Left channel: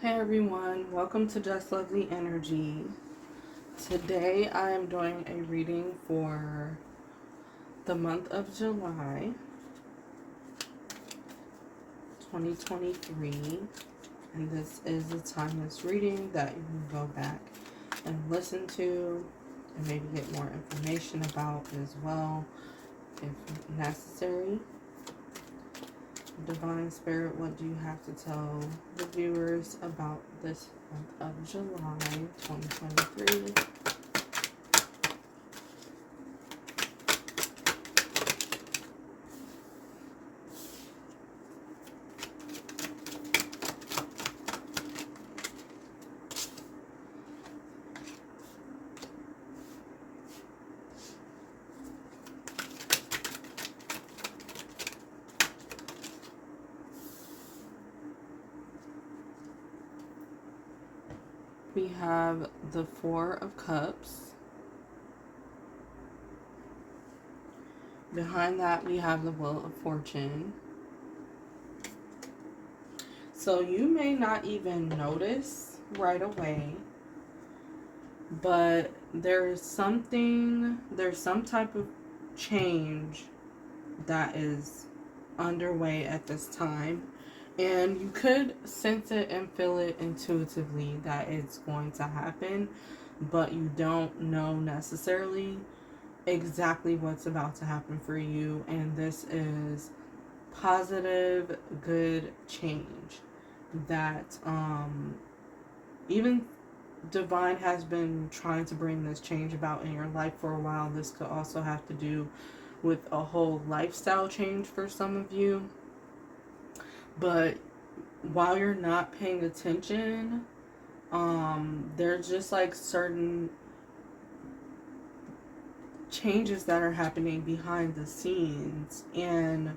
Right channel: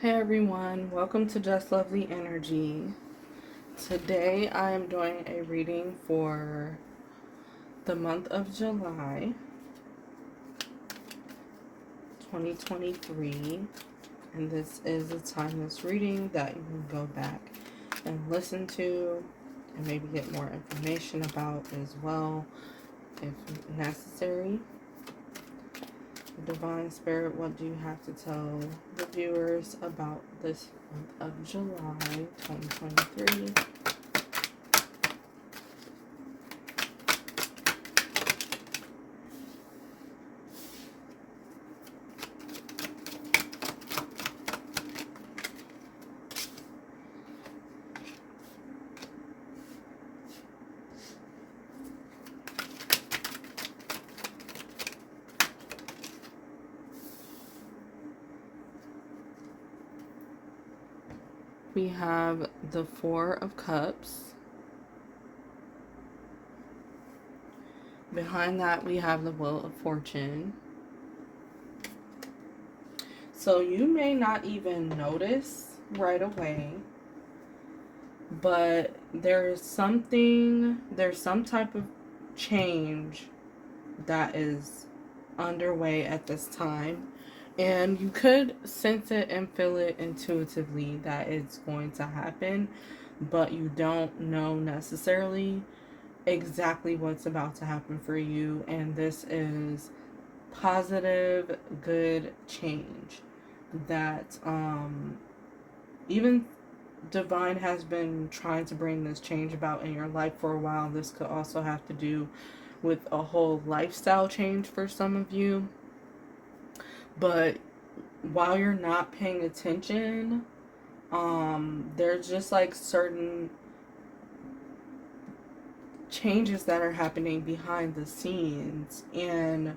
Hey everyone, welcome to Just Lovely Energy. Today I am doing a reading for the month of July 2023, and this is a timeless reading that you can go back and listen to and maybe get more information about as well if necessary. Divine Spirit, what do you have to tell the viewers about this month of July 2023? We have the Four of Cups. Behind that, we have the Wheel of Fortune. So you may not even notice right away, but there's some type of change that is underway at this time. And you could sense it and feel it intuitively that it's going to happen, but you don't know necessarily exactly what's about to happen for you. And this is positive, good change that even divine has been trying to bring this change about in your life for a while. This could also have to do with a whole lifestyle change for some of you. But while you're not paying attention, there's just like certain changes that are happening behind the scenes. And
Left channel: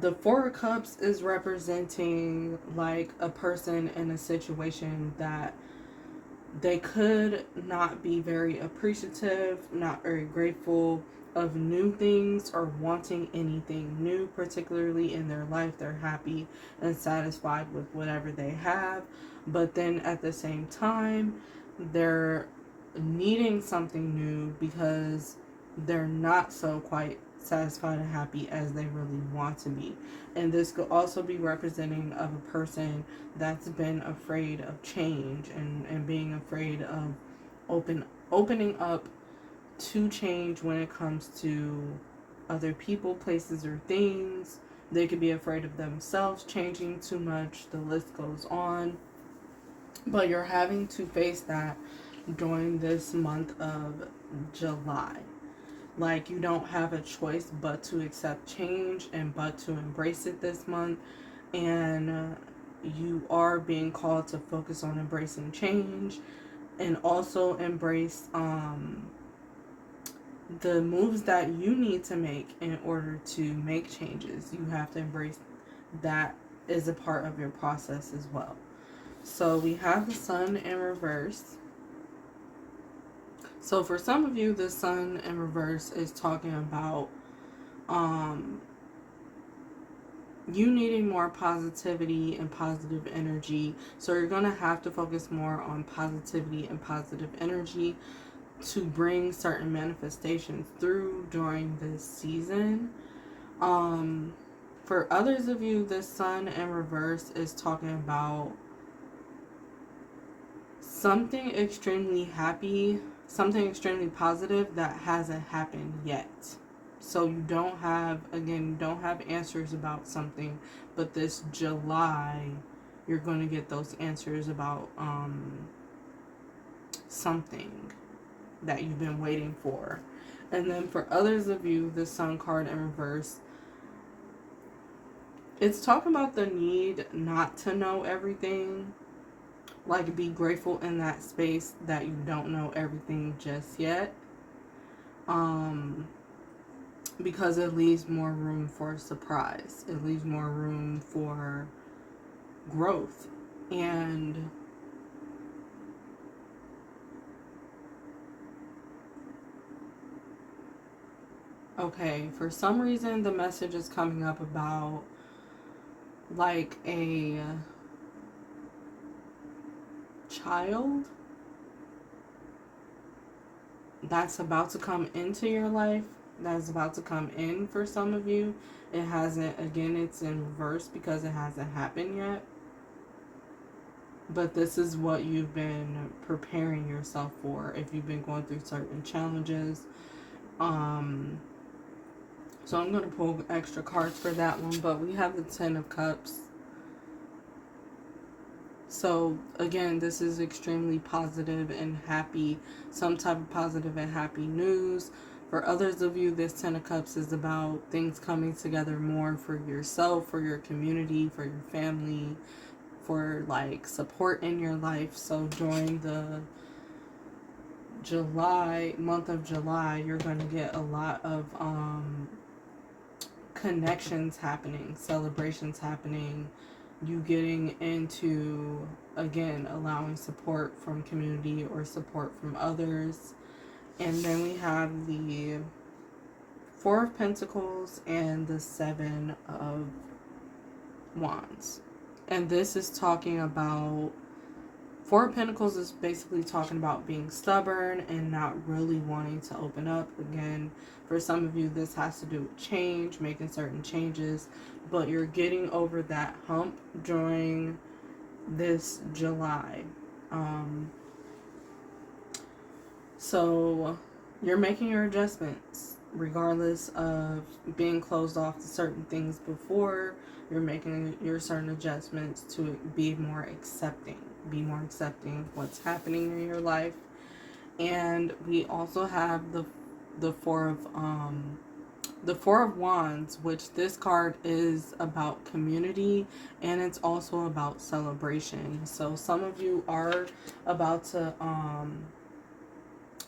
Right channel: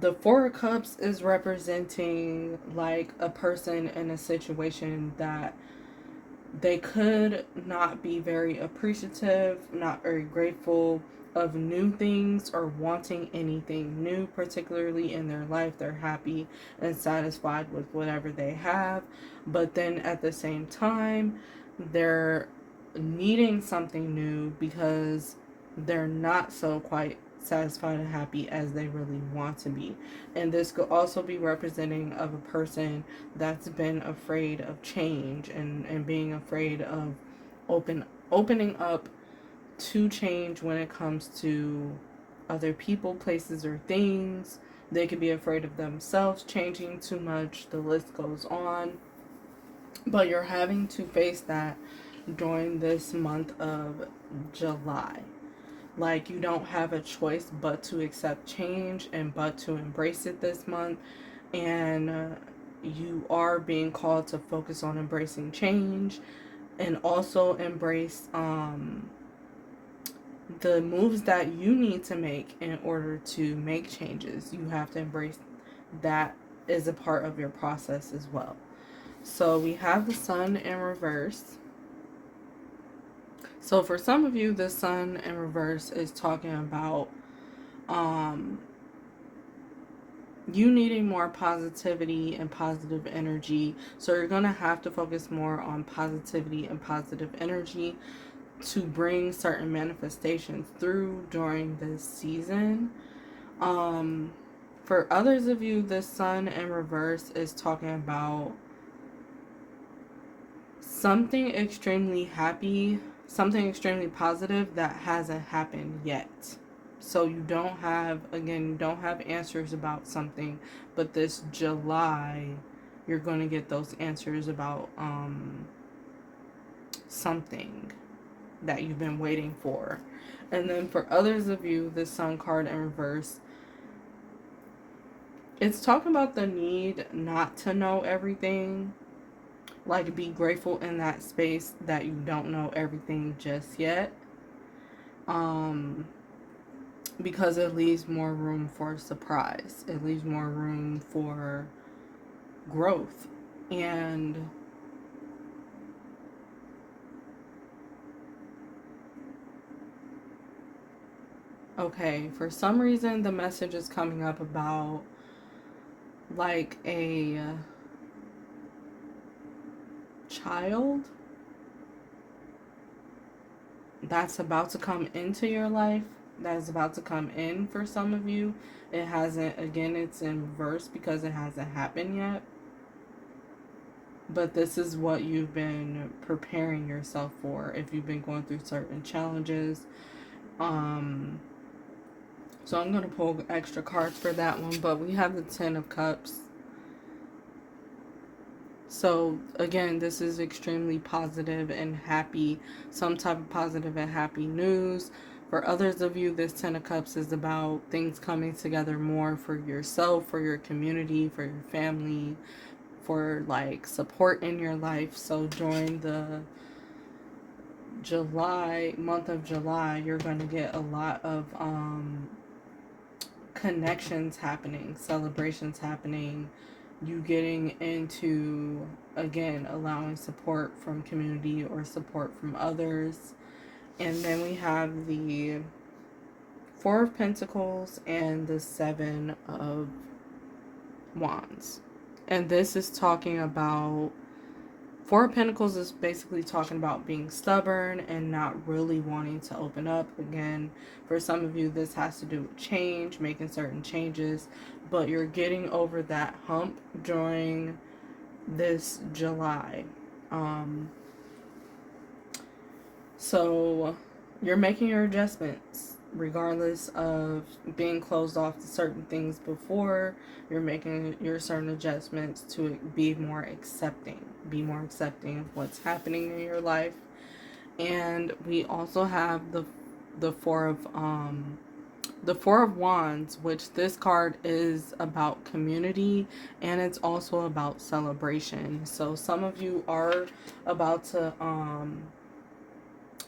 the Four of Cups is representing like a person in a situation that they could not be very appreciative, not very grateful of new things or wanting anything new, particularly in their life. They're happy and satisfied with whatever they have, but then at the same time, they're needing something new because they're not so quite satisfied and happy as they really want to be. And this could also be representing of a person that's been afraid of change and being afraid of opening up to change when it comes to other people, places, or things. They could be afraid of themselves changing too much. The list goes on. But you're having to face that during this month of July. Like, you don't have a choice but to accept change and but to embrace it this month. And you are being called to focus on embracing change and also embrace the moves that you need to make in order to make changes. You have to embrace that as a part of your process as well. So we have the Sun in reverse. So for some of you, the Sun in reverse is talking about um, you needing more positivity and positive energy. So you're going to have to focus more on positivity and positive energy to bring certain manifestations through during this season. Um, for others of you, the Sun in reverse is talking about something extremely happy, something extremely positive that hasn't happened yet. So you don't have answers about something, but this July, you're going to get those answers about something that you've been waiting for. And then for others of you, the Sun card in reverse, it's talking about the need not to know everything. Like, be grateful in that space that you don't know everything just yet. Um, because it leaves more room for surprise. It leaves more room for growth. And okay, for some reason the message is coming up about like child that's about to come into your life, that's about to come in for some of you. It hasn't, again, it's in reverse because it hasn't happened yet. But this is what you've been preparing yourself for if you've been going through certain challenges. Um, so I'm going to pull extra cards for that one. But we have the Ten of Cups. So again, this is extremely positive and happy, some type of positive and happy news. For others of you, this Ten of Cups is about things coming together more for yourself, for your community, for your family, for like support in your life. So during the month of July, you're going to get a lot of connections happening, celebrations happening, you getting into, again, allowing support from community or support from others. And then we have the Four of Pentacles and the Seven of Wands. And this is talking about, Four of Pentacles is basically talking about being stubborn and not really wanting to open up. Again, for some of you, this has to do with change, making certain changes, but you're getting over that hump during this July. So you're making your adjustments regardless of being closed off to certain things before. You're making your certain adjustments to be more accepting of what's happening in your life. And we also have the four of Wands, which this card is about community and it's also about celebration. So some of you are about to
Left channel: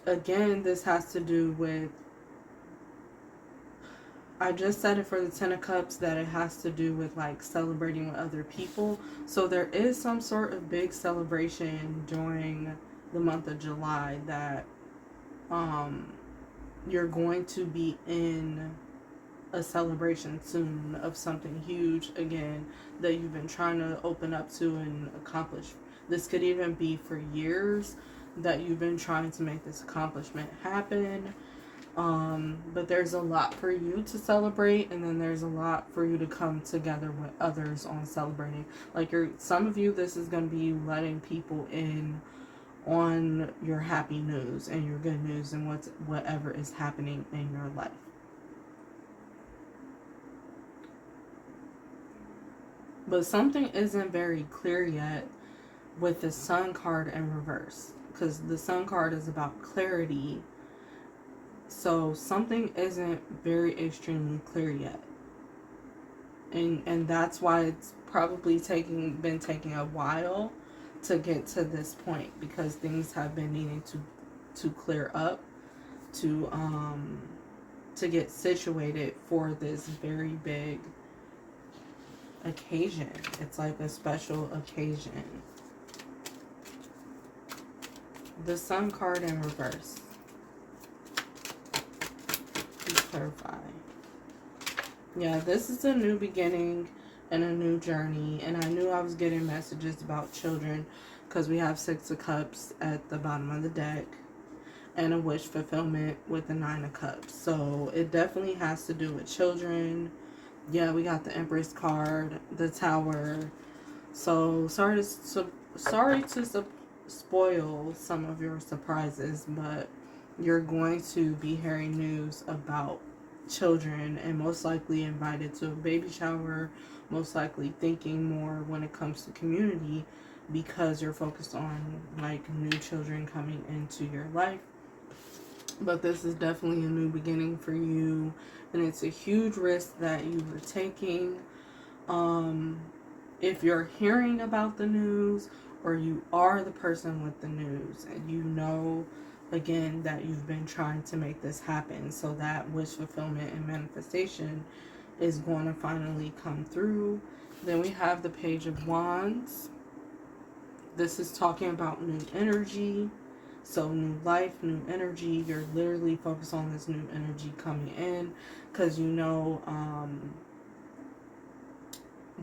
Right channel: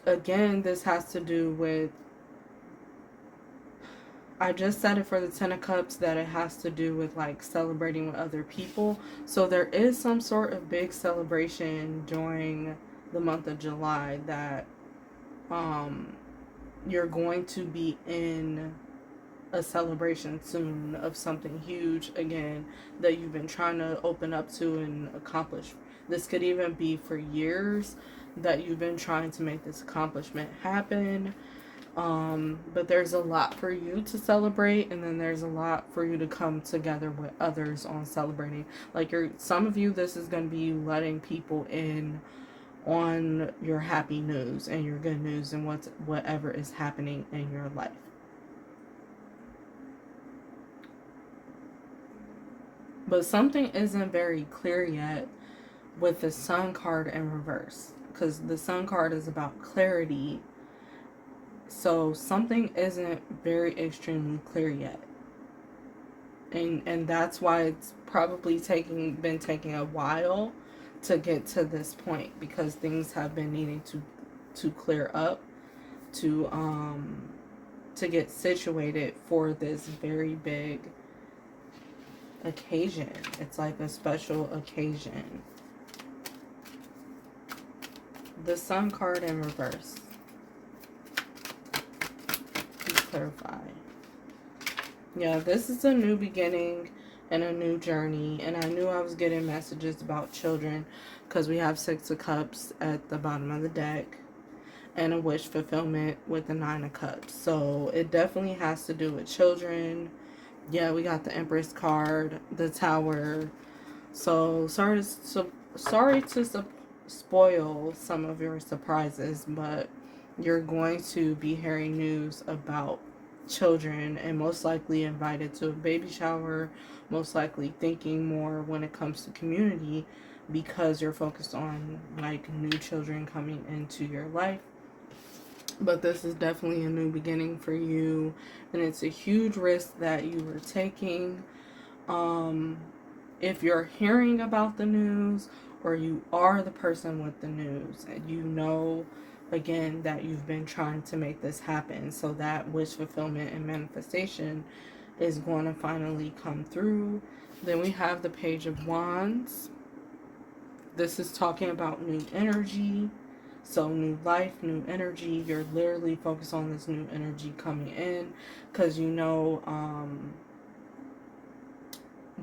again, this has to do with, I just said it for the Ten of Cups, that it has to do with like celebrating with other people. So there is some sort of big celebration during the month of July that you're going to be in a celebration soon of something huge, again, that you've been trying to open up to and accomplish. This could even be for years that you've been trying to make this accomplishment happen. But there's a lot for you to celebrate, and then there's a lot for you to come together with others on celebrating. Like some of you, this is going to be letting people in on your happy news and your good news and whatever is happening in your life. But something isn't very clear yet with the Sun card in reverse, because the Sun card is about clarity. So something isn't very extremely clear yet. And that's why it's probably been taking a while to get to this point, because things have been needing to clear up, to get situated for this very big occasion. It's like a special occasion. The Sun card in reverse. Please clarify. Yeah, this is a new beginning and a new journey. And I knew I was getting messages about children because we have Six of Cups at the bottom of the deck and a wish fulfillment with the Nine of Cups. So it definitely has to do with children. Yeah, we got the Empress card, the Tower. So sorry to spoil some of your surprises, but you're going to be hearing news about children and most likely invited to a baby shower, most likely thinking more when it comes to community, because you're focused on like new children coming into your life. But this is definitely a new beginning for you, and it's a huge risk that you were taking. If you're hearing about the news, or you are the person with the news, and you know, again, that you've been trying to make this happen, so that wish fulfillment and manifestation is going to finally come through. Then we have the Page of Wands. This is talking about new energy. So new life, new energy. You're literally focused on this new energy coming in, because you know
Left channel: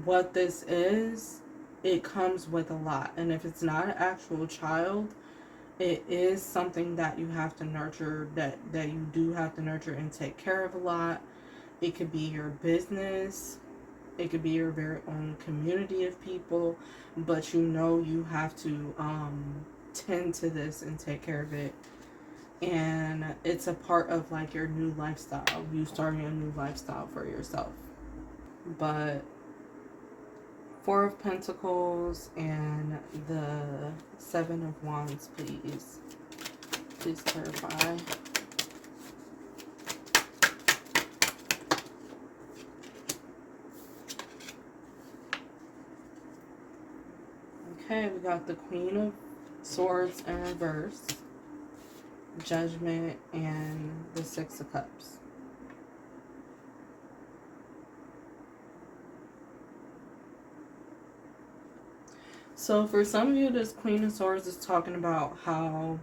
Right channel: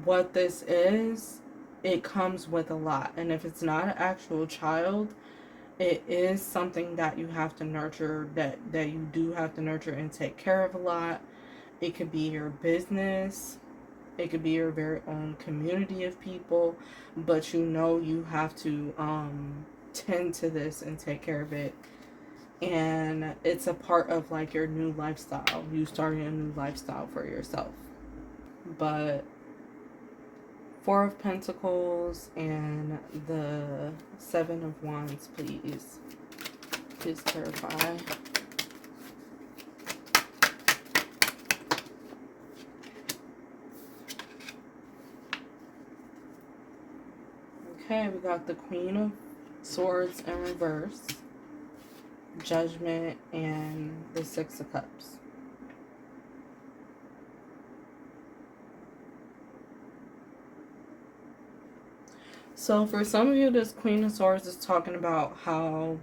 what this is. it comes with a lot. And if it's not an actual child, it is something that you have to nurture, that you do have to nurture and take care of a lot. It could be your business, it could be your very own community of people, but you know you have to tend to this and take care of it. And it's a part of like your new lifestyle, you starting a new lifestyle for yourself. But Four of Pentacles and the Seven of Wands, please. Please clarify. Okay, we got the Queen of Swords in reverse, Judgment, and the Six of Cups. So for some of you, this Queen of Swords is talking about how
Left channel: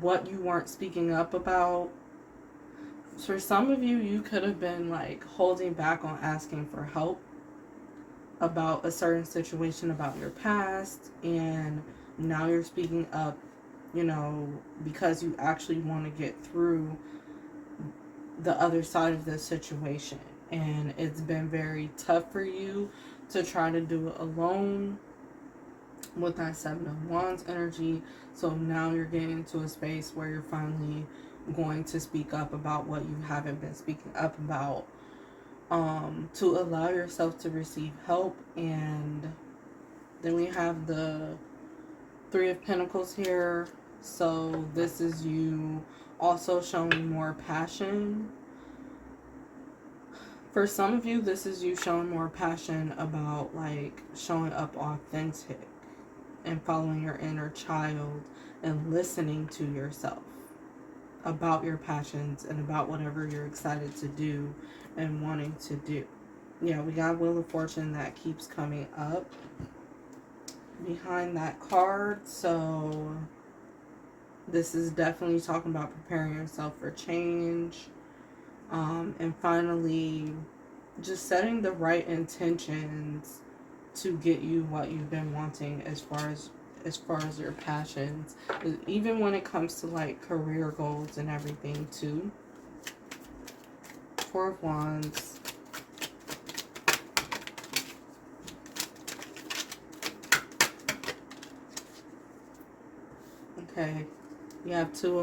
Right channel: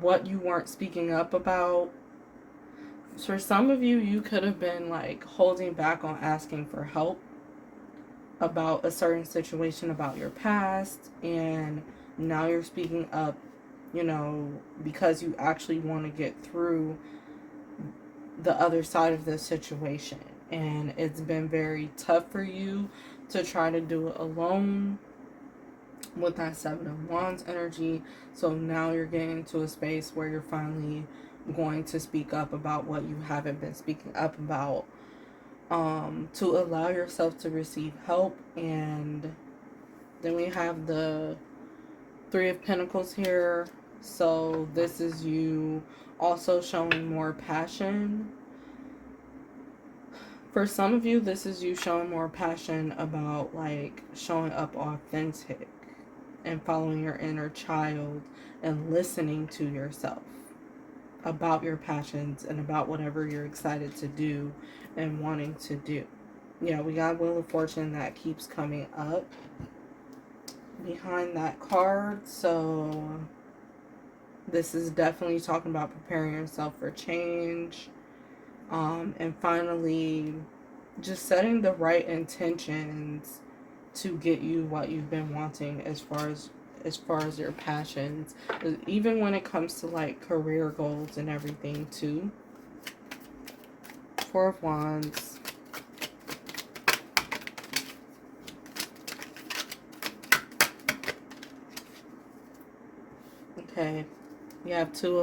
what you weren't speaking up about. For some of you, you could have been like holding back on asking for help about a certain situation, about your past, and now you're speaking up, you know, because you actually want to get through the other side of the situation. And it's been very tough for you to try to do it alone with that Seven of Wands energy. So now you're getting into a space where you're finally going to speak up about what you haven't been speaking up about, to allow yourself to receive help. And then we have the Three of Pentacles here. So this is you also showing more passion. For some of you, this is you showing more passion about like showing up authentic and following your inner child and listening to yourself about your passions and about whatever you're excited to do and wanting to do. Yeah, we got Wheel of Fortune that keeps coming up behind that card. So this is definitely talking about preparing yourself for change. And finally, just setting the right intentions to get you what you've been wanting as far as your passions, even when it comes to like career goals and everything too. Four of Wands. Okay, you have Two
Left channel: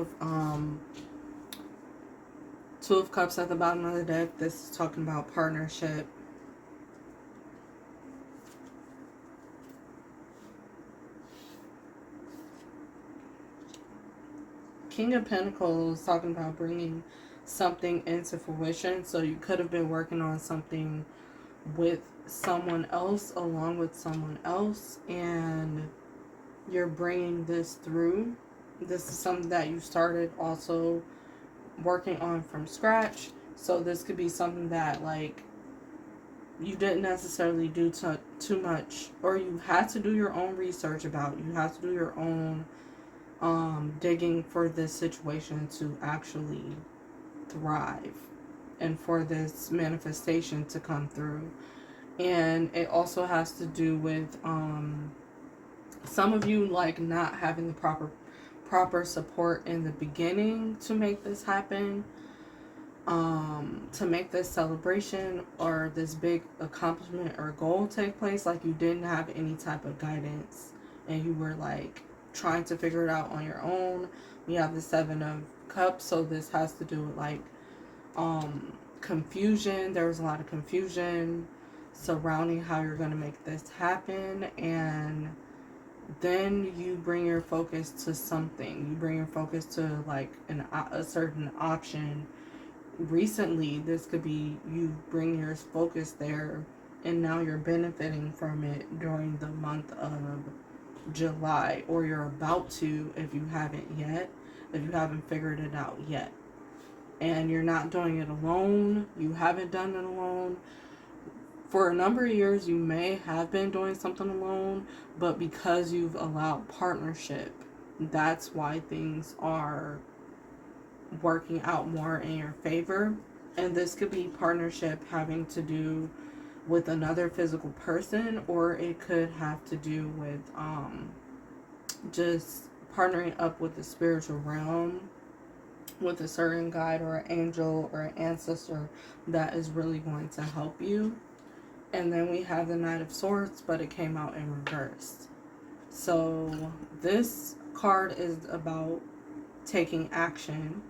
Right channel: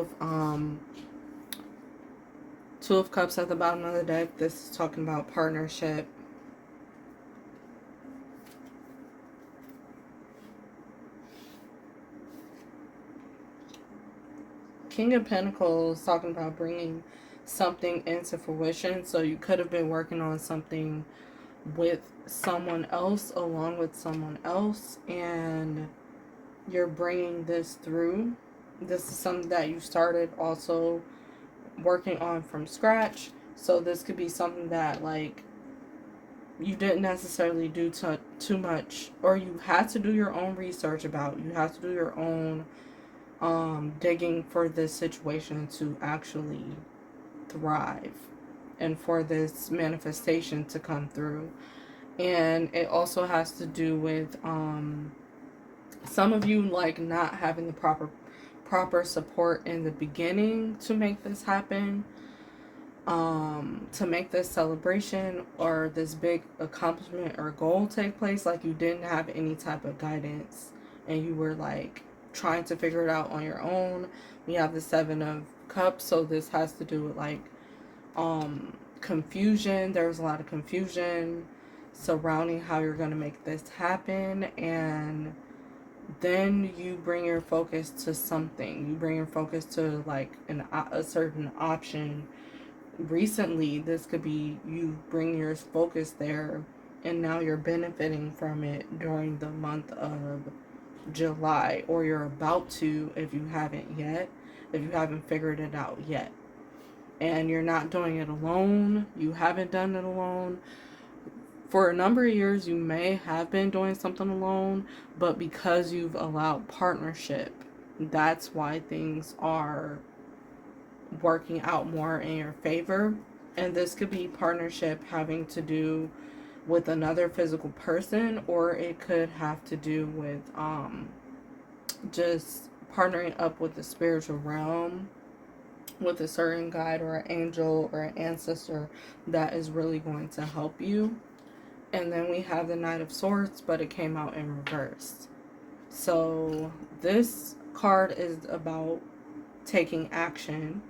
of Cups at the bottom of the deck. This is talking about partnership. King of Pentacles talking about bringing something into fruition. So you could have been working on something with someone else, along with someone else, and you're bringing this through. This is something that you started also working on from scratch. So this could be something that like you didn't necessarily do too much, or you had to do your own research about. You have to do your own digging for this situation to actually thrive and for this manifestation to come through. And it also has to do with some of you like not having the proper support in the beginning to make this happen, to make this celebration or this big accomplishment or goal take place. Like you didn't have any type of guidance and you were like trying to figure it out on your own. We have the Seven of Cups, so this has to do with like confusion. There was a lot of confusion surrounding how you're going to make this happen, and then you bring your focus to something. You bring your focus to like a certain option. Recently, this could be you bring your focus there, and now you're benefiting from it during the month of July, or you're about to if you haven't yet, if you haven't figured it out yet. And you're not doing it alone. You haven't done it alone. For a number of years, you may have been doing something alone, but because you've allowed partnership, that's why things are working out more in your favor. And this could be partnership having to do with another physical person, or it could have to do with just partnering up with the spiritual realm, with a certain guide or an angel or an ancestor that is really going to help you. And then we have the Knight of Swords, but it came out in reverse. So this card is about taking action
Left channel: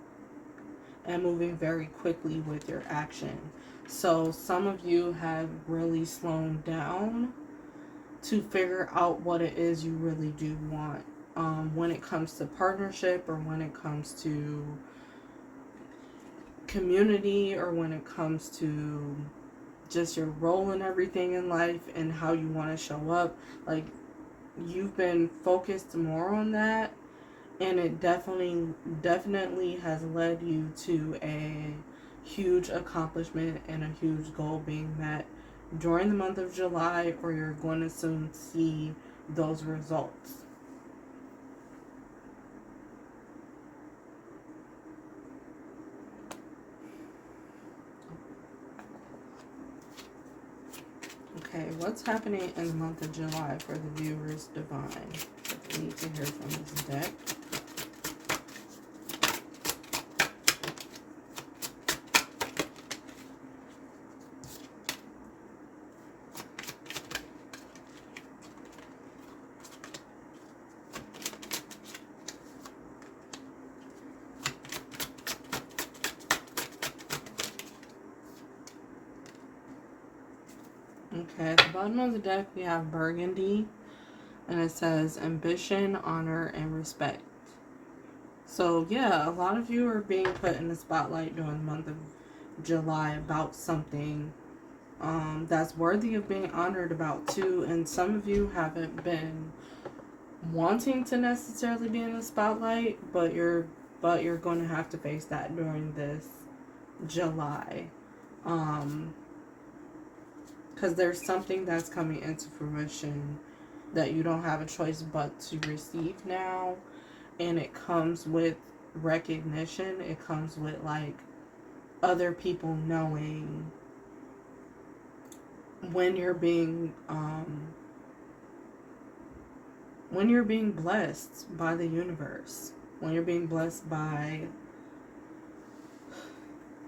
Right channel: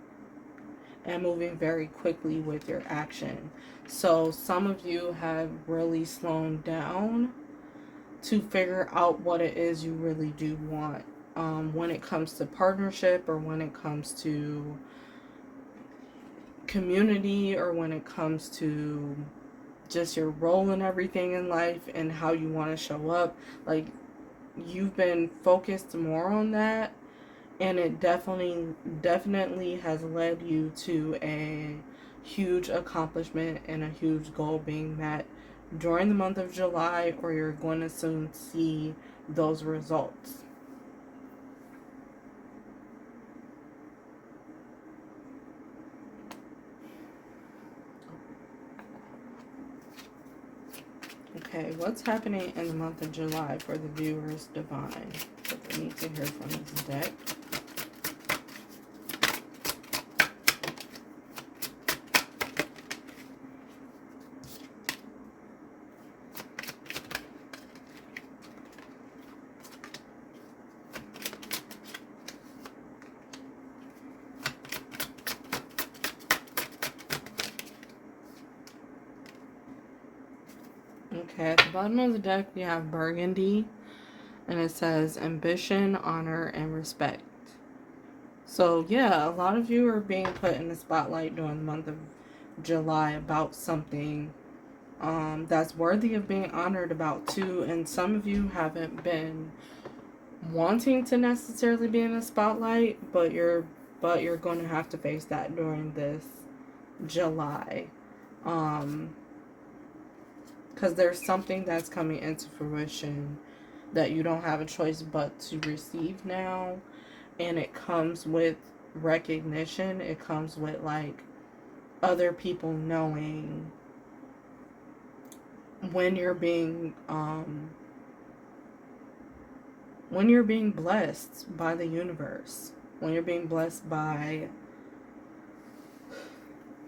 and moving very quickly with your action. So some of you have really slowed down to figure out what it is you really do want, when it comes to partnership, or when it comes to community, or when it comes to just your role in everything in life and how you want to show up. Like, you've been focused more on that, and it definitely has led you to a huge accomplishment and a huge goal being met during the month of July, or you're going to soon see those results. Okay, what's happening in the month of July for the viewers divine that they need to hear from this deck? Okay, at the bottom of the deck we have Burgundy, and it says ambition, honor, and respect. So yeah, a lot of you are being put in the spotlight during the month of July about something that's worthy of being honored about too. And some of you haven't been wanting to necessarily be in the spotlight, but you're going to have to face that during this July. Because there's something that's coming into fruition that you don't have a choice but to receive now. And it comes with recognition. It comes with, like, other people knowing when you're being blessed by the universe, when you're being blessed by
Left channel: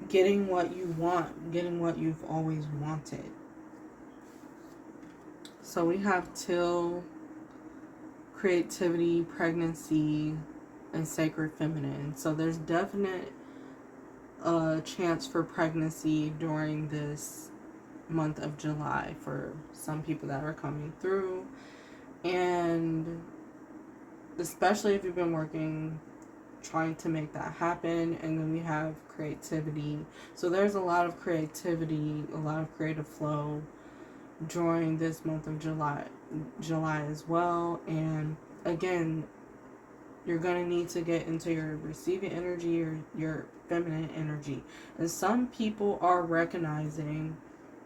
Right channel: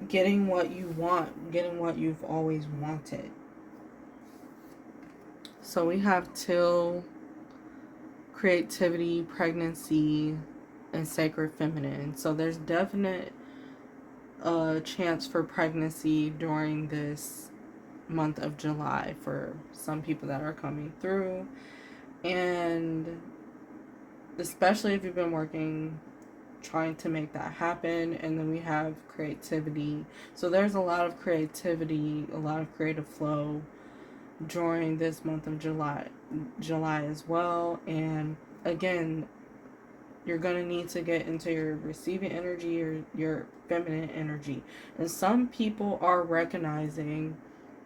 getting what you want, getting what you've always wanted. So we have Till, creativity, pregnancy, and sacred feminine. So there's definite chance for pregnancy during this month of July for some people that are coming through. And especially if you've been working trying to make that happen. And then we have creativity. So there's a lot of creativity, a lot of creative flow during this month of July as well. And again, you're going to need to get into your receiving energy or your feminine energy. And some people are recognizing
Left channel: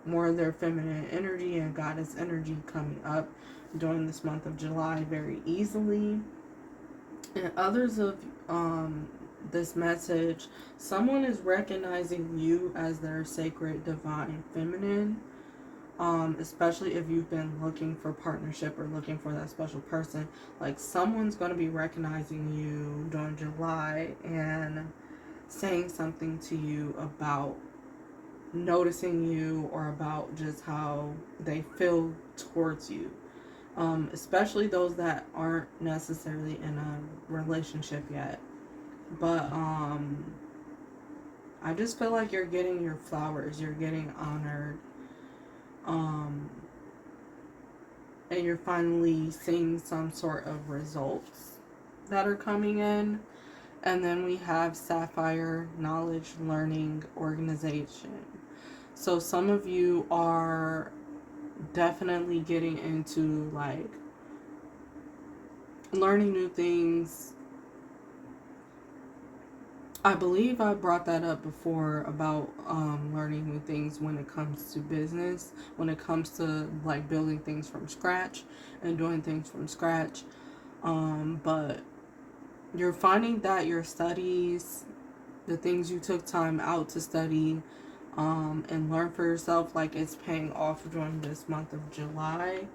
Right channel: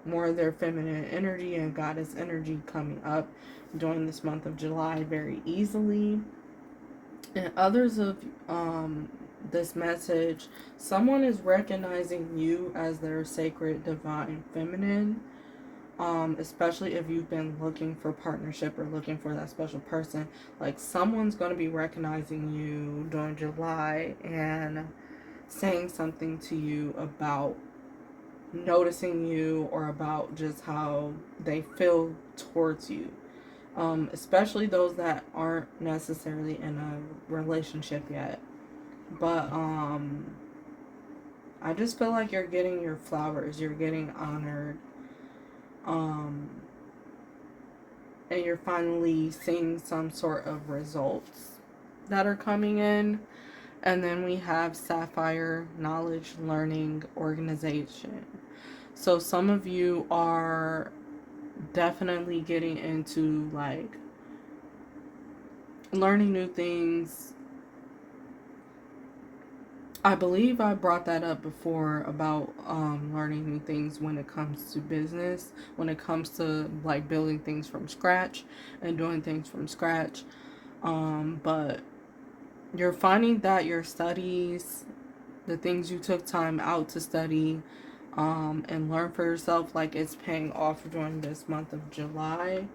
more of their feminine energy and goddess energy coming up during this month of July very easily. And others of this message, someone is recognizing you as their sacred divine feminine. Especially if you've been looking for partnership or looking for that special person, like, someone's going to be recognizing you during July and saying something to you about noticing you, or about just how they feel towards you. Especially those that aren't necessarily in a relationship yet. But I just feel like you're getting your flowers, you're getting honored. And you're finally seeing some sort of results that are coming in. And then we have Sapphire, knowledge, learning, organization. So some of you are definitely getting into, like, learning new things. I believe I brought that up before about learning new things when it comes to business, when it comes to, like, building things from scratch and doing things from scratch. But you're finding that your studies, the things you took time out to study, and learn for yourself like it's paying off during this month of July.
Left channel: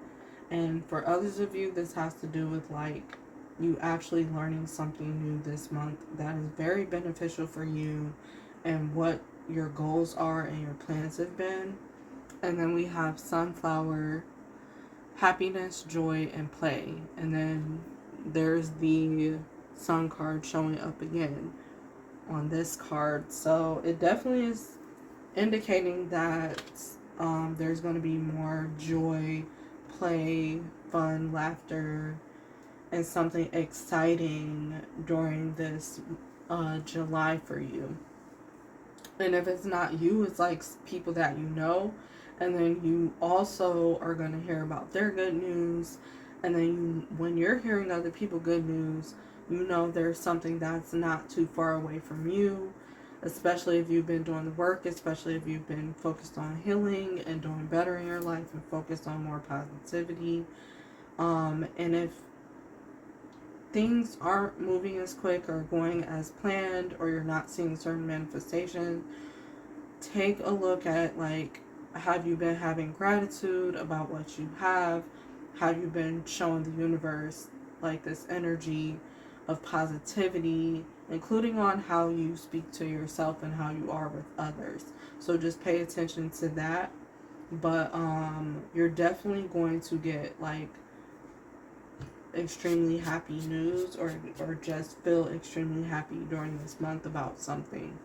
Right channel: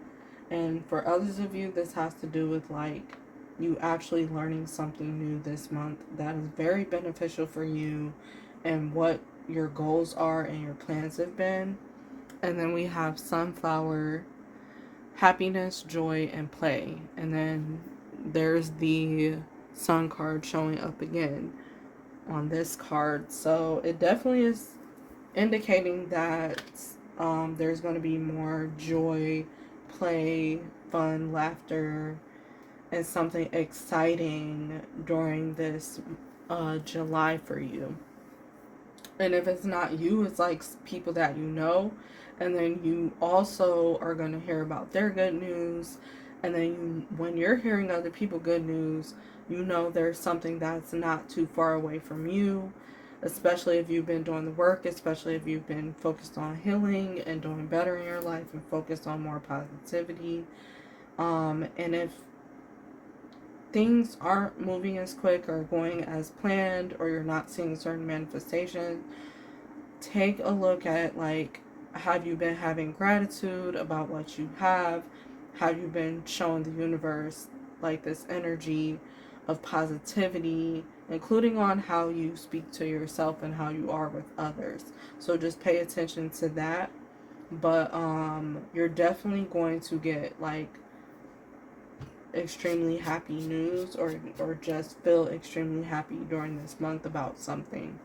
And for others of you, this has to do with like you actually learning something new this month that is very beneficial for you and what your goals are and your plans have been. And then we have Sunflower, happiness, joy, and play. And then there's the Sun card showing up again on this card. So it definitely is indicating that there's going to be more joy, play, fun, laughter, and something exciting during this July for you. And if it's not you, it's like people that you know. And then you also are going to hear about their good news. And then when you're hearing other people good news, you know there's something that's not too far away from you, especially if you've been doing the work, especially if you've been focused on healing and doing better in your life and focused on more positivity. And if things aren't moving as quick or going as planned, or you're not seeing certain manifestations, take a look at like, have you been having gratitude about what you have? Have you been showing the universe like this energy of positivity, including on how you speak to yourself and how you are with others? So just pay attention to that. But you're definitely going to get like extremely happy news, or just feel extremely happy during this month about something.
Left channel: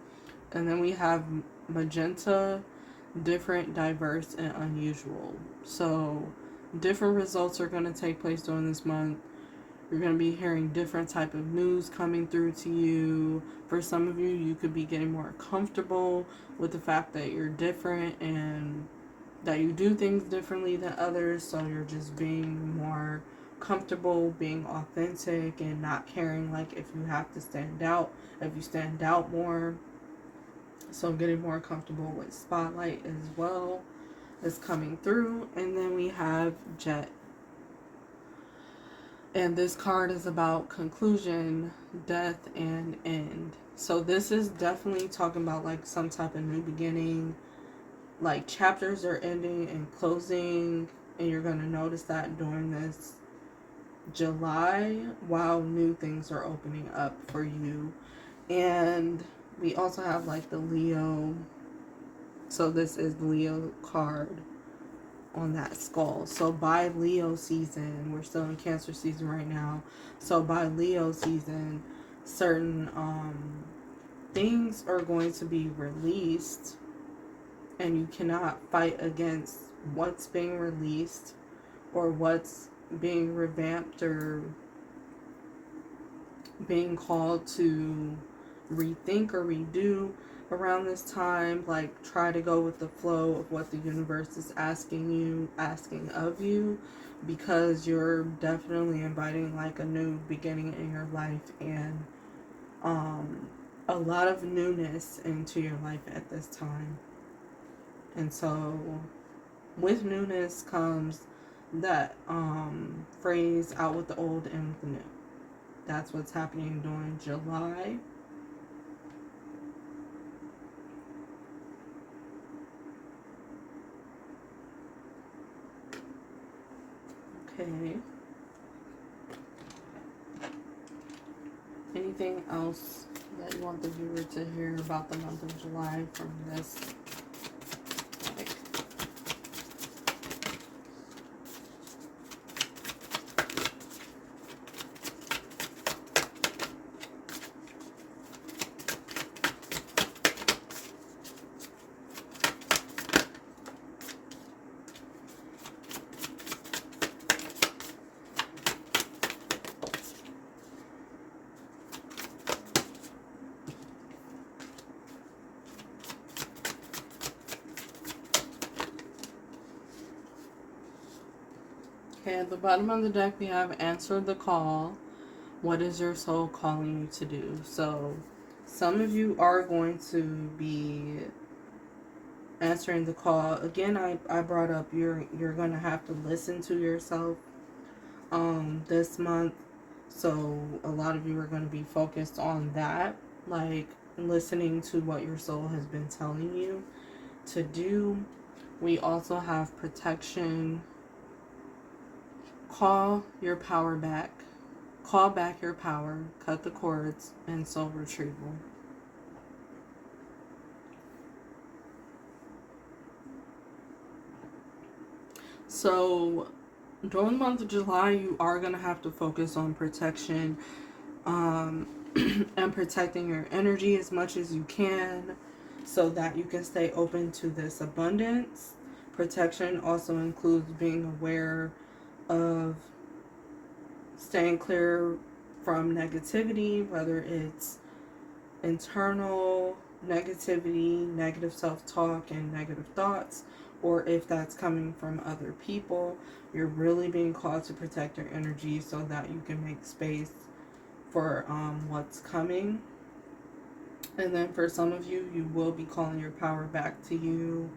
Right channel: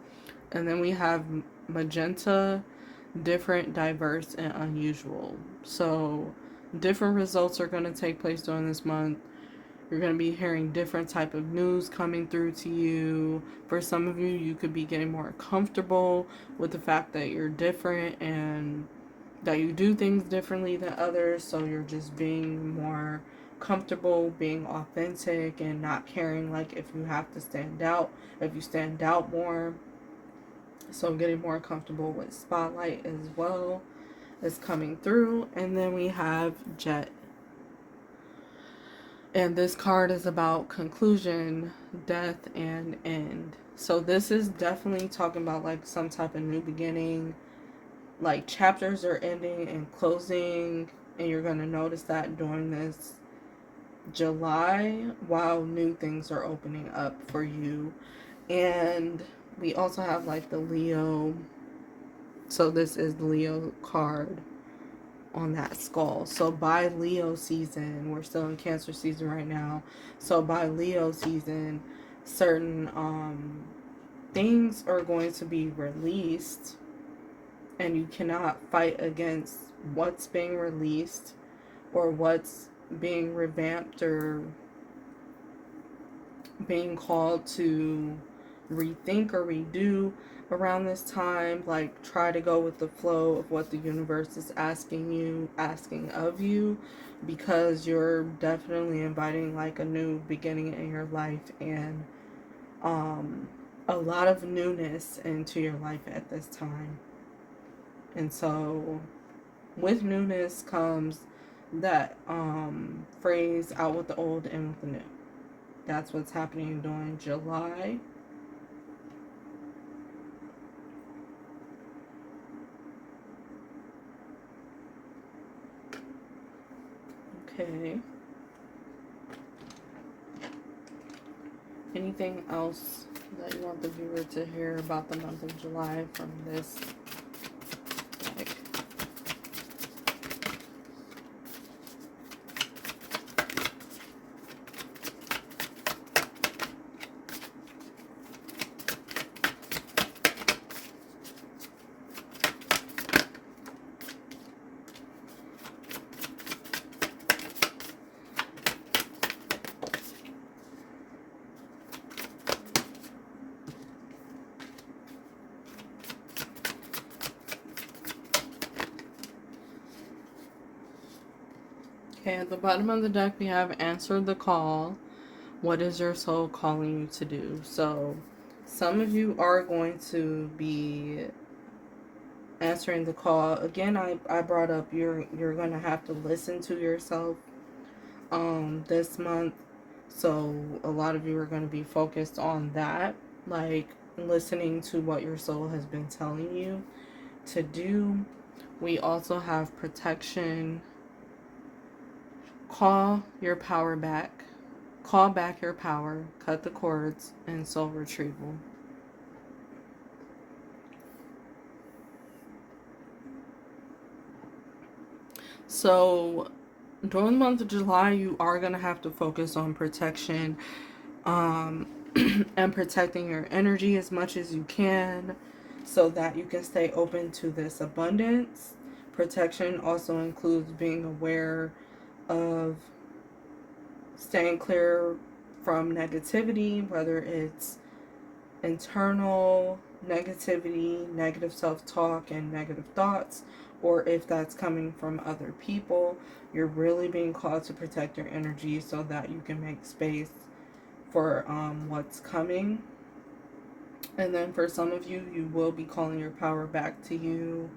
And then we have magenta, different, diverse, and unusual. So different results are going to take place during this month. You're going to be hearing different type of news coming through to you. For some of you, you could be getting more comfortable with the fact that you're different and that you do things differently than others. So you're just being more comfortable being authentic and not caring like if you have to stand out, if you stand out more. So getting more comfortable with spotlight as well is coming through. And then we have Jet. And this card is about conclusion, death, and end. So this is definitely talking about like some type of new beginning. Like chapters are ending and closing, and you're going to notice that during this July while new things are opening up for you. And we also have like the Leo. So this is the Leo card on that skull. So by Leo season, we're still in Cancer season right now. So by Leo season, certain things are going to be released, and you cannot fight against what's being released or what's being revamped or being called to rethink or redo around this time. Like, try to go with the flow of what the universe is asking of you, because you're definitely inviting like a new beginning in your life, and a lot of newness into your life at this time. And so with newness comes that phrase, out with the old and with the new. That's what's happening during July. Okay. Anything else that you want the viewer to hear about the month of July from this deck? Okay, at the bottom of the deck we have answer the call. What is your soul calling you to do? So some of you are going to be answering the call. Again, I brought up you're going to have to listen to yourself this month. So a lot of you are going to be focused on that, like listening to what your soul has been telling you. to do. We also have protection. Call your power back. Call back your power. Cut the cords and soul retrieval. So during the month of July, you are going to have to focus on protection, um, and protecting your energy as much as you can so that you can stay open to this abundance. Protection also includes being aware of staying clear from negativity, whether it's internal negativity, negative self talk, and negative thoughts, or if that's coming from other people. You're really being called to protect your energy so that you can make space for what's coming. And then for some of you, you will be calling your power back to you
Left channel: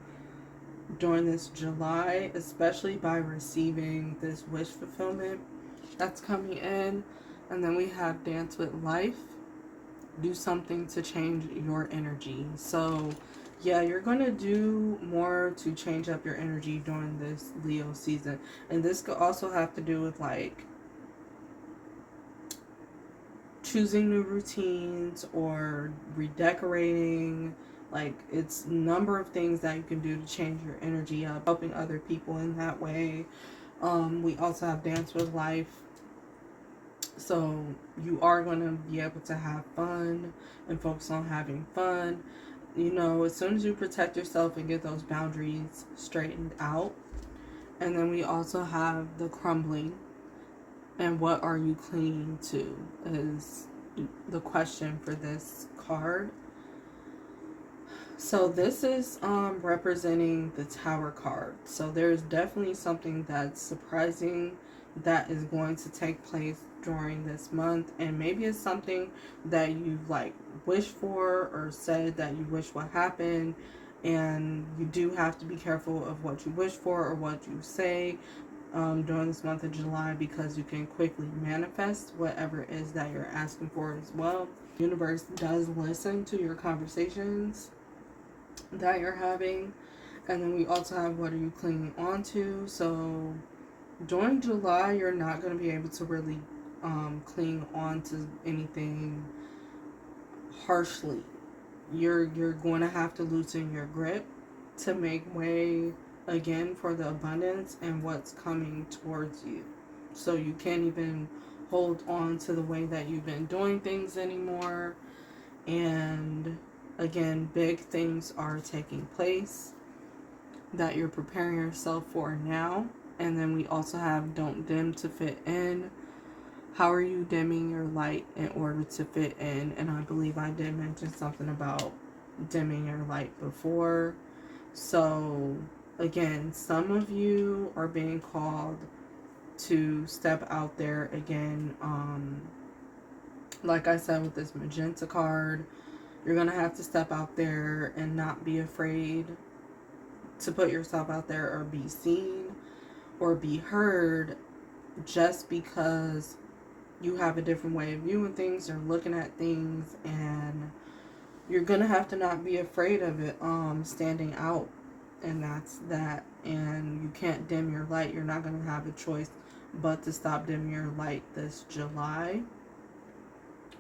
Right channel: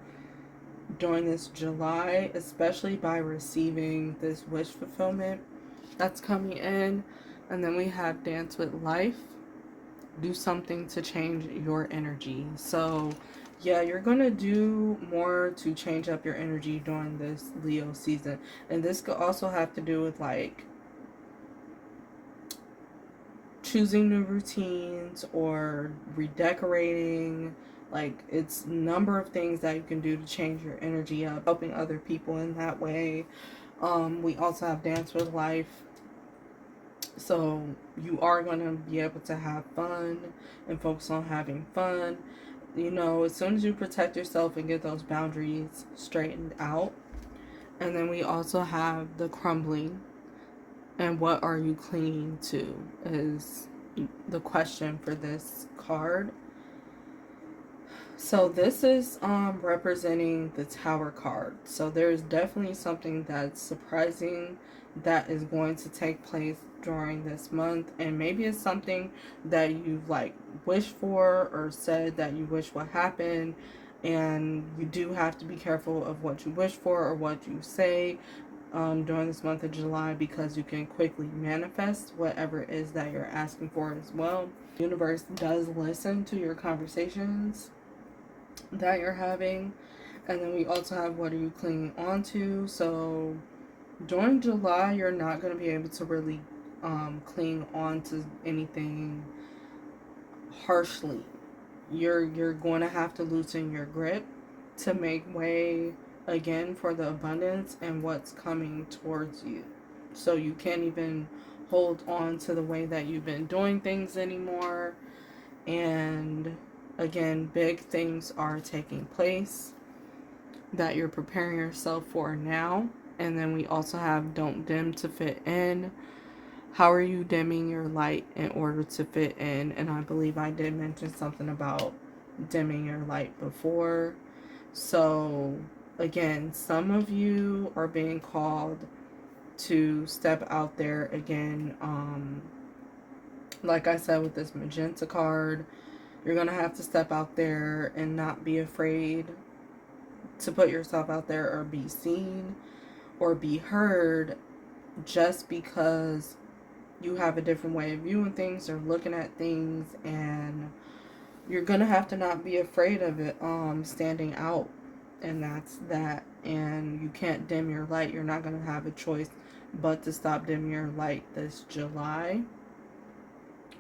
during this July, especially by receiving this wish fulfillment that's coming in. And then we have Dance with Life. Do something to change your energy. So yeah, you're gonna do more to change up your energy during this Leo season. And this could also have to do with like choosing new routines or redecorating. Like, it's a number of things that you can do to change your energy up, helping other people in that way. We also have Dance with Life. So you are going to be able to have fun and focus on having fun. You know, as soon as you protect yourself and get those boundaries straightened out. And then we also have the crumbling. And what are you clinging to is the question for this card. So this is representing the Tower card. So there's definitely something that's surprising that is going to take place during this month, and maybe it's something that you've like wished for or said that you wish would happen, and you do have to be careful of what you wish for or what you say during this month of July, because you can quickly manifest whatever it is that you're asking for as well. The universe does listen to your conversations that you're having. And then we also have what are you clinging on to. So during July, you're not going to be able to really cling on to anything harshly. You're going to have to loosen your grip to make way again for the abundance and what's coming towards you. So you can't even hold on to the way that you've been doing things anymore. And again, big things are taking place that you're preparing yourself for now. And then we also have don't dim to fit in. How are you dimming your light in order to fit in? And I believe I did mention something about dimming your light before. So again, some of you are being called to step out there again. Like I said with this magenta card, you're going to have to step out there and not be afraid to put yourself out there or be seen or be heard just because you have a different way of viewing things or looking at things. And you're going to have to not be afraid of it standing out. And that's that. And you can't dim your light. You're not going to have a choice but to stop dimming your light this July,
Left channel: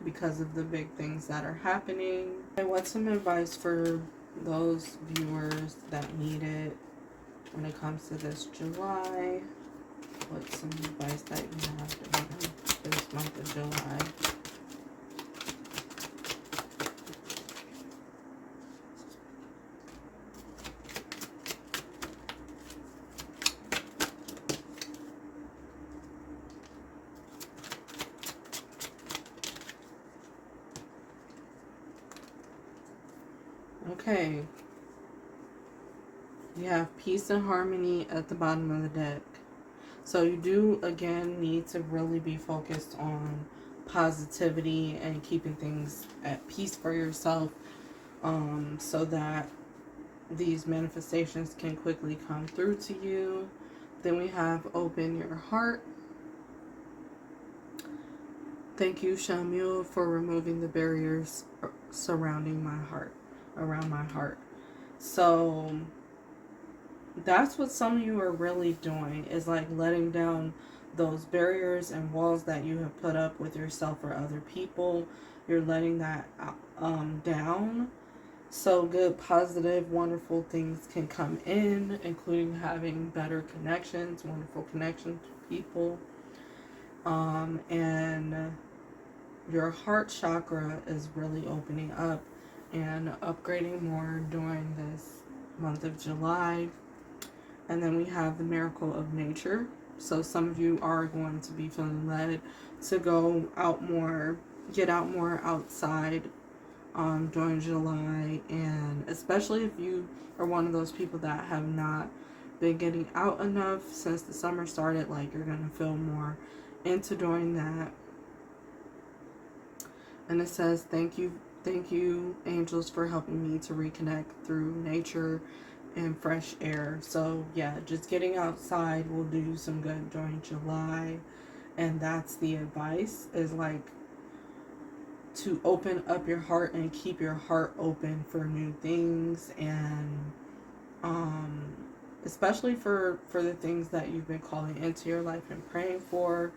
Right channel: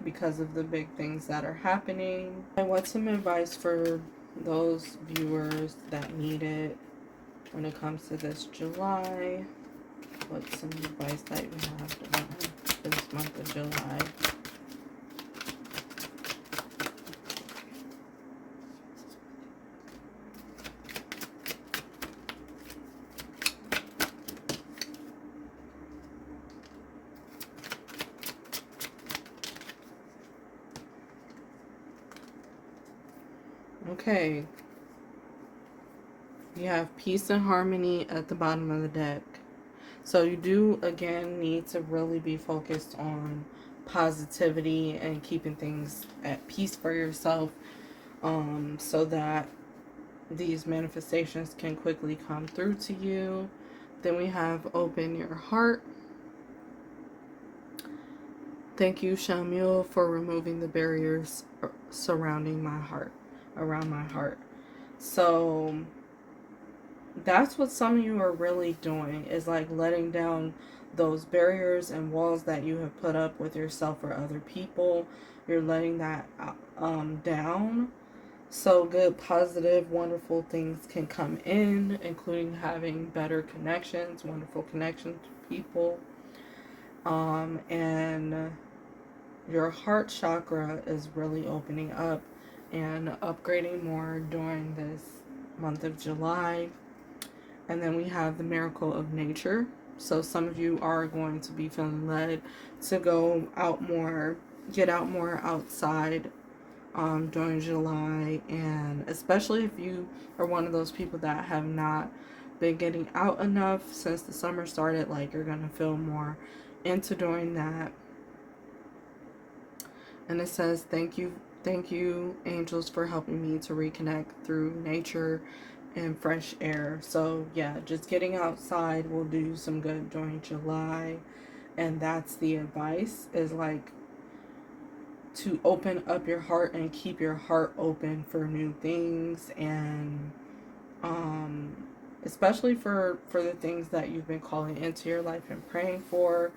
because of the big things that are happening. I want some advice for those viewers that need it when it comes to this July. What's some advice that you have for this month of July? Okay. You have peace and harmony at the bottom of the deck. So you do, again, need to really be focused on positivity and keeping things at peace for yourself, so that these manifestations can quickly come through to you. Then we have open your heart. Thank you, Shamuel, for removing the barriers surrounding my heart, around my heart. So that's what some of you are really doing, is like letting down those barriers and walls that you have put up with yourself or other people. You're letting that down, so good, positive, wonderful things can come in, including having better connections, wonderful connections with people. And your heart chakra is really opening up and upgrading more during this month of July. And then we have the miracle of nature. So some of you are going to be feeling led to go out more, get out more outside during July. And especially if you are one of those people that have not been getting out enough since the summer started, like you're going to feel more into doing that. And it says, thank you, angels, for helping me to reconnect through nature and fresh air. So, yeah, just getting outside will do some good during July. And that's the advice, is like to open up your heart and keep your heart open for new things, and um especially for the things that you've been calling into your life and praying for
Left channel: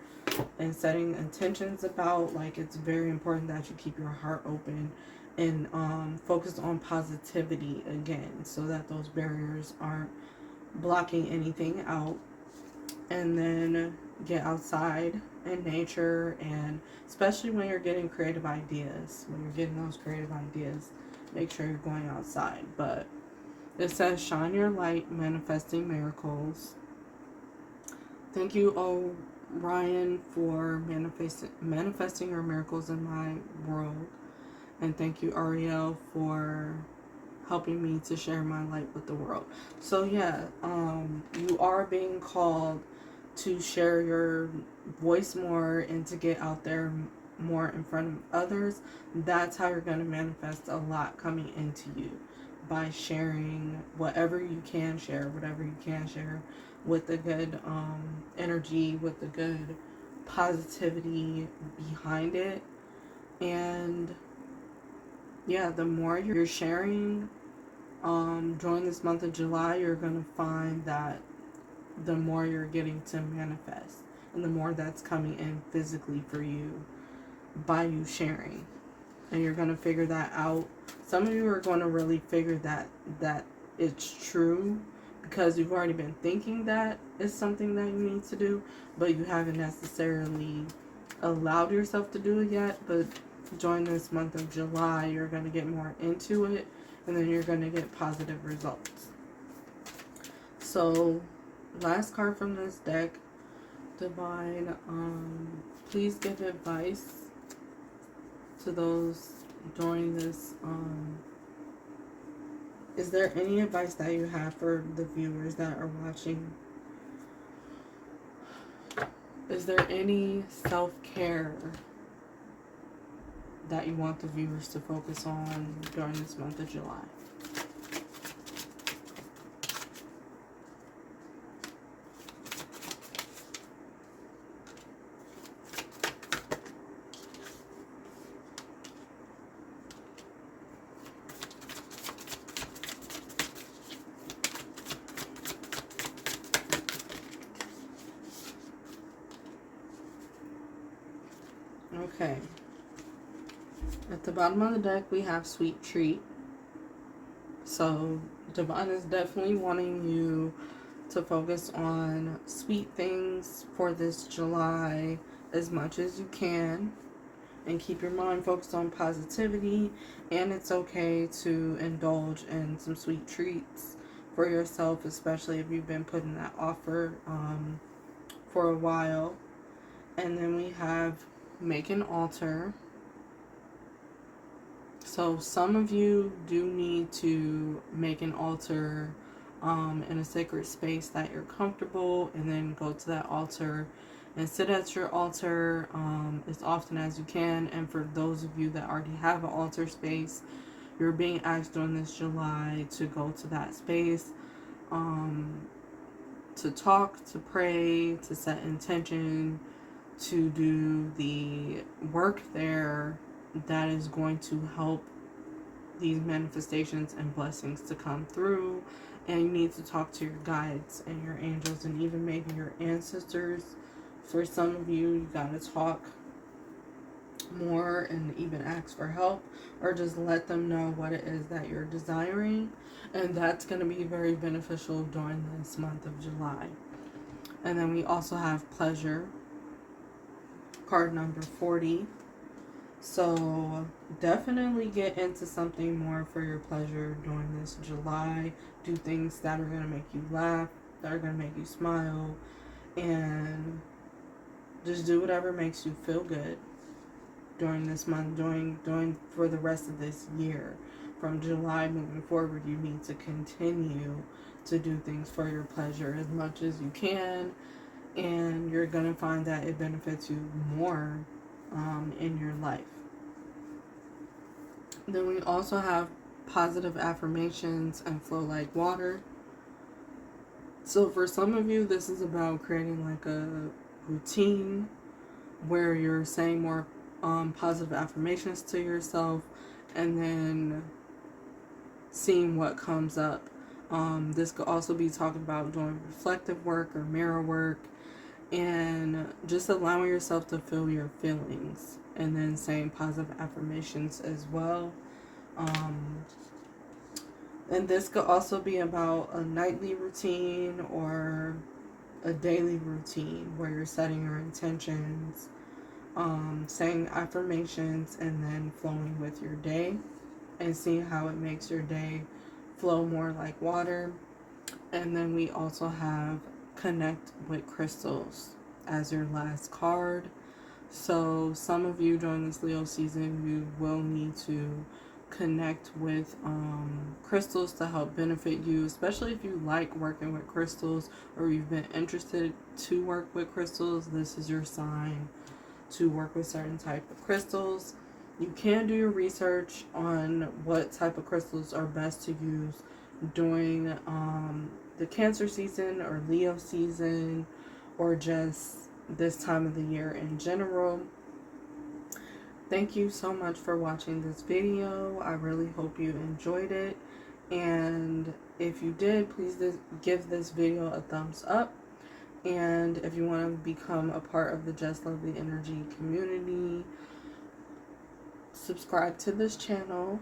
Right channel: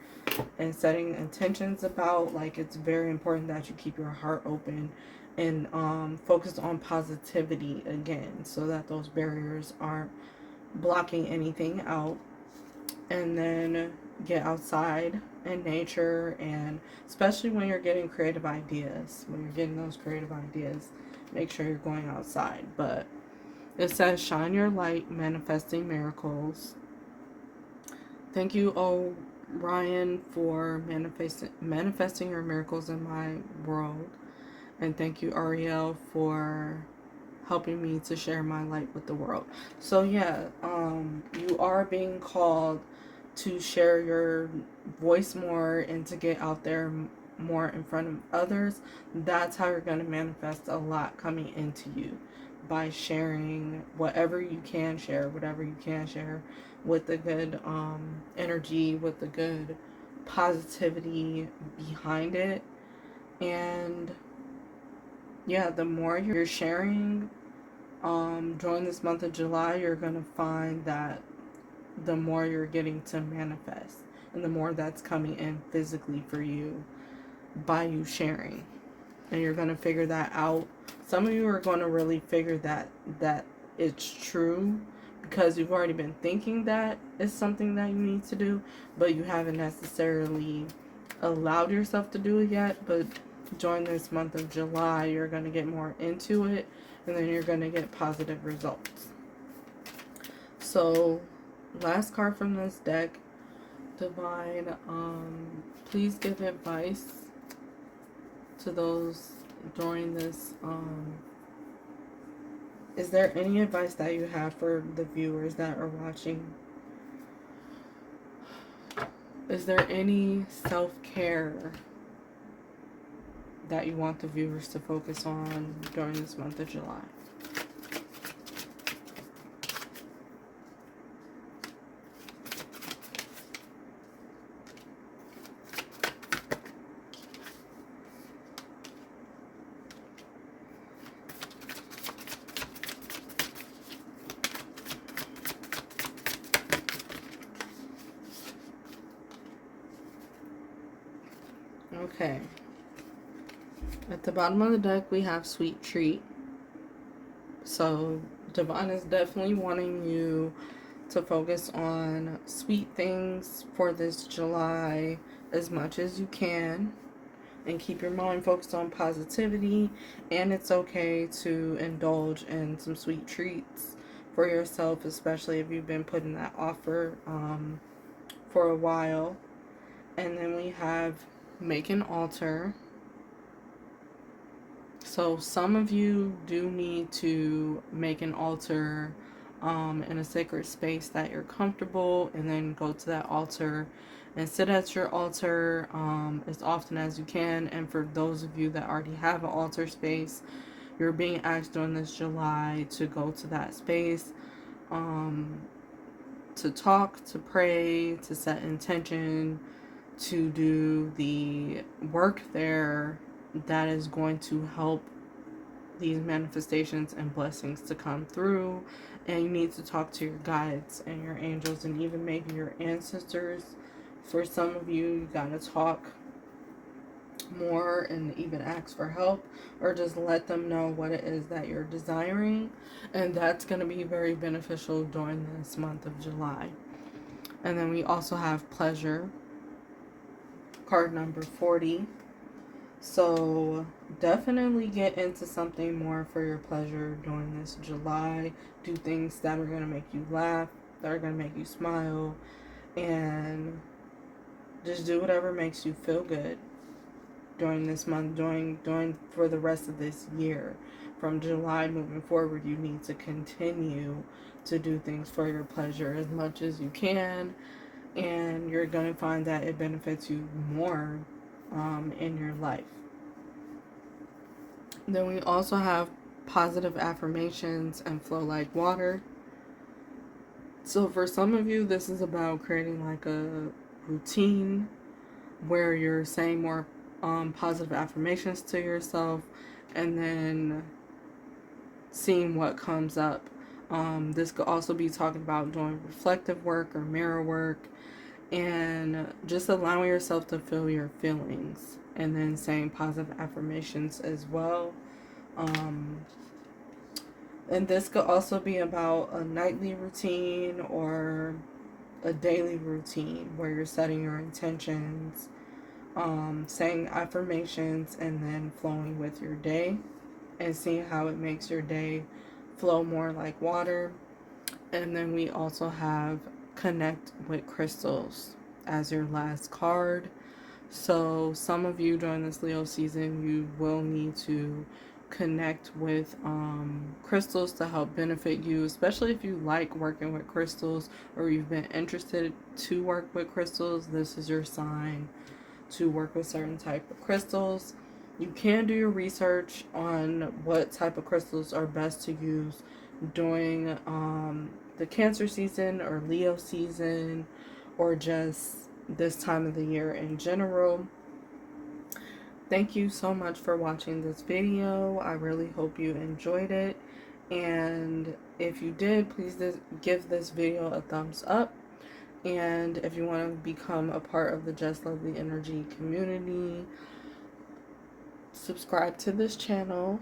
and setting intentions about. Like, it's very important that you keep your heart open and focus on positivity again, so that those barriers aren't blocking anything out. And then get outside in nature, and especially when you're getting creative ideas, when you're getting those creative ideas, make sure you're going outside. But it says, shine your light, manifesting miracles. Thank you, Ryan, for manifesting your miracles in my world. And thank you, Ariel, for helping me to share my light with the world. So yeah, you are being called to share your voice more and to get out there more in front of others. That's how you're going to manifest a lot coming into you, by sharing whatever you can share, whatever you can share, with the good energy, with the good positivity behind it. And yeah, the more you're sharing during this month of July, you're going to find that the more you're getting to manifest, and the more that's coming in physically for you by you sharing. And you're going to figure that out. Some of you are going to really figure that it's true, because you've already been thinking that it's something that you need to do, but you haven't necessarily allowed yourself to do it yet. But during this month of July, you're going to get more into it, and then you're going to get positive results. So, last card from this deck, Divine, please give advice to those during this. Is there any advice that you have for the viewers that are watching? Is there any self-care that you want the viewers to focus on during this month of July? Okay. At the bottom of the deck, we have Sweet Treat. So, Divine is definitely wanting you to focus on sweet things for this July as much as you can, and keep your mind focused on positivity. And it's okay to indulge in some sweet treats for yourself, especially if you've been putting that offer for a while. And then we have Make an Altar. So some of you do need to make an altar in a sacred space that you're comfortable, and then go to that altar and sit at your altar as often as you can. And for those of you that already have an altar space, you're being asked during this July to go to that space, to talk, to pray, to set intention, to do the work there that is going to help these manifestations and blessings to come through. And you need to talk to your guides and your angels and even maybe your ancestors. For some of you, you gotta talk more and even ask for help, or just let them know what it is that you're desiring. And that's going to be very beneficial during this month of July. And then we also have pleasure, card number 40. So definitely get into something more for your pleasure during this July. Do things that are going to make you laugh, that are going to make you smile, and just do whatever makes you feel good during this month, during for the rest of this year. From July moving forward, you need to continue to do things for your pleasure as much as you can, and you're going to find that it benefits you more in your life. Then we also have positive affirmations and flow like water. So for some of you, this is about creating like a routine where you're saying more positive affirmations to yourself and then seeing what comes up. This could also be talking about doing reflective work or mirror work and just allowing yourself to feel your feelings and then saying positive affirmations as well. And this could also be about a nightly routine or a daily routine where you're setting your intentions, saying affirmations, and then flowing with your day and seeing how it makes your day flow more like water. And then we also have connect with crystals as your last card. So some of you during this Leo season, you will need to connect with crystals to help benefit you, especially if you like working with crystals or you've been interested to work with crystals. This is your sign to work with certain type of crystals. You can do your research on what type of crystals are best to use during the Cancer season or Leo season, or just this time of the year in general. Thank you so much for watching this video. I really hope you enjoyed it. And if you did, please give this video a thumbs up. And if you want to become a part of the Just Lovely Energy community, subscribe to this channel